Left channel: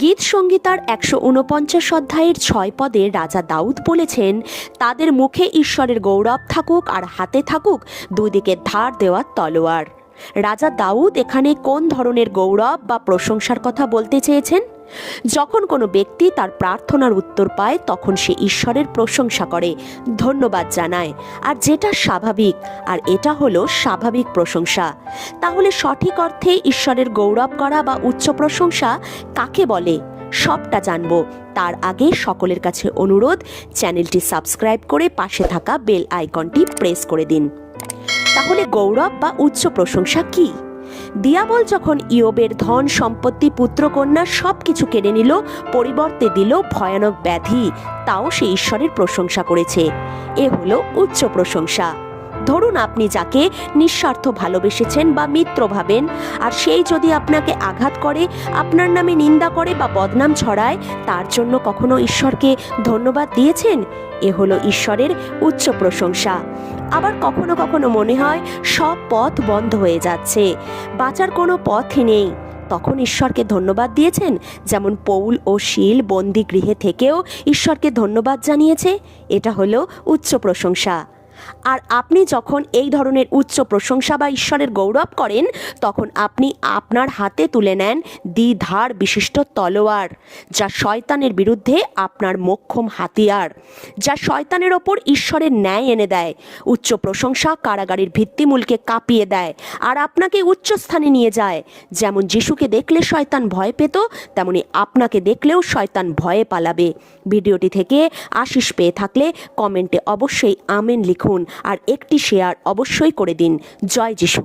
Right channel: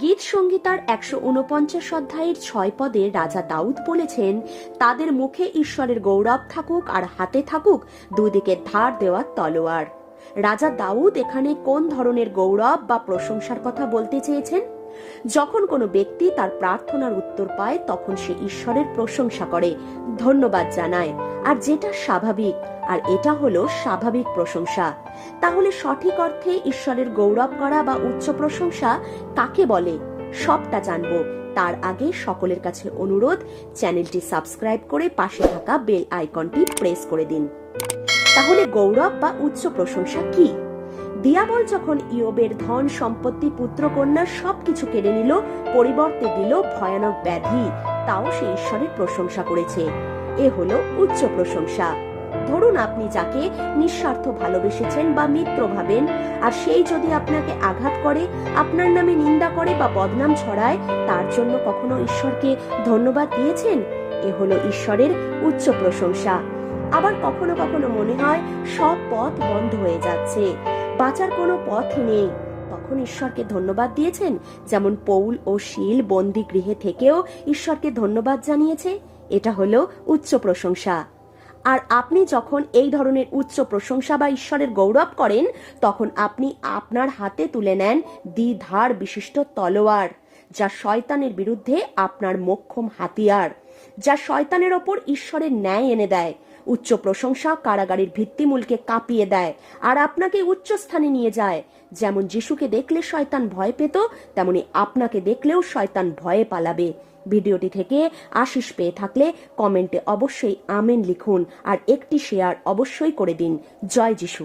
গীত সংগীতার ১৪৯ অধ্যায়ের ৬ পদে রাজা দাউদ বলেছেন, তাদের মুখে ঈশ্বরের গৌরব থাকুক আর হাতে থাকুক দুদিকে ধার দেওয়া তলোয়ার। রাজা দাউদ এখানে কোন ধরনের গৌরব বা প্রশংসার কথা বলতে চেয়েছেন? যখন কোনো ব্যক্তি তার প্রার্থনার উত্তর পায় তখন সে ঈশ্বরের প্রশংসা করে, ধন্যবাদ জানায়, আর যেটা স্বাভাবিক, আর এটা হলো স্বাভাবিক প্রশংসা। তাহলে সঠিক অর্থে ঈশ্বরের গৌরব করা বা উচ্চ প্রশংসা কাকে বলে? সবটা জানবো তার আগে সকলের কাছে অনুরোধ, চ্যানেলটি সাবস্ক্রাইব করে পাশে থাকা বেল আইকনটি প্রেস করে দিন। তাহলে গৌরব বা উচ্চ প্রশংসা কি? দিয়াবল যখন ইয়োবের ধন সম্পত্তি পুত্রকন্যা সবকিছু কেড়ে নিল, পরিবর্তে দিল ভয়ানক ব্যাধি, তাও সে ঈশ্বরের প্রশংসা করেছে। এ হলো উচ্চ প্রশংসা। ধরুন আপনি যাকে নিঃস্বার্থ ভালোবেসেছেন বা মিত্র ভাবেন, আর সেই যদি আপনাকে আঘাত করে, আপনার নামে নিন্দা করে বা বদনাম ছড়ায়, তার জন্য কখনো ঈশ্বরকে ধন্যবাদ দিয়েছেন? এ হলো ঈশ্বরের উচ্চ প্রশংসা। আবার কখনো কখনো মনে হয় সব পথ বন্ধ হয়ে যাচ্ছে, বাঁচার কোনো পথই নেই, তখন ঈশ্বরকে ধন্যবাদ দিয়েছেন? যেমন পৌল ও শীল বন্দি গৃহে থেকেও ঈশ্বরকে ধন্যবাদ জানিয়েছে। এটা হলো উচ্চ প্রশংসা। আর আপনি যখন এই ধরনের উচ্চ প্রশংসা বা ঈশ্বরের গৌরব করেন, তখন আপনি আপনার হাতে তুলে নেন দ্বিধার বিশিষ্ট তলোয়ার, যা শয়তানের বিরুদ্ধে আপনার মোক্ষম হাতিয়ার, যা শয়তানের ওপর ঈশ্বরের ন্যায় এনে দেয়। উচ্চ প্রশংসা কারাগারের ভিত্তিমূলকে কাঁপিয়ে দেয় আর আপনাকে উচ্চ স্থানে নিয়ে যায়। যেমন যিশুকে দেখলে শয়তান ভয় পেত, তেমনি আপনাকে দেখলেও শয়তান ভয়ে পালাবে। ভিডিওটি থেকে আশিস পেয়ে থাকলে কমেন্টে অবশ্যই আমেন লিখুন আর একটি শেয়ার অবশ্যই করে দিন। জয় যিশু।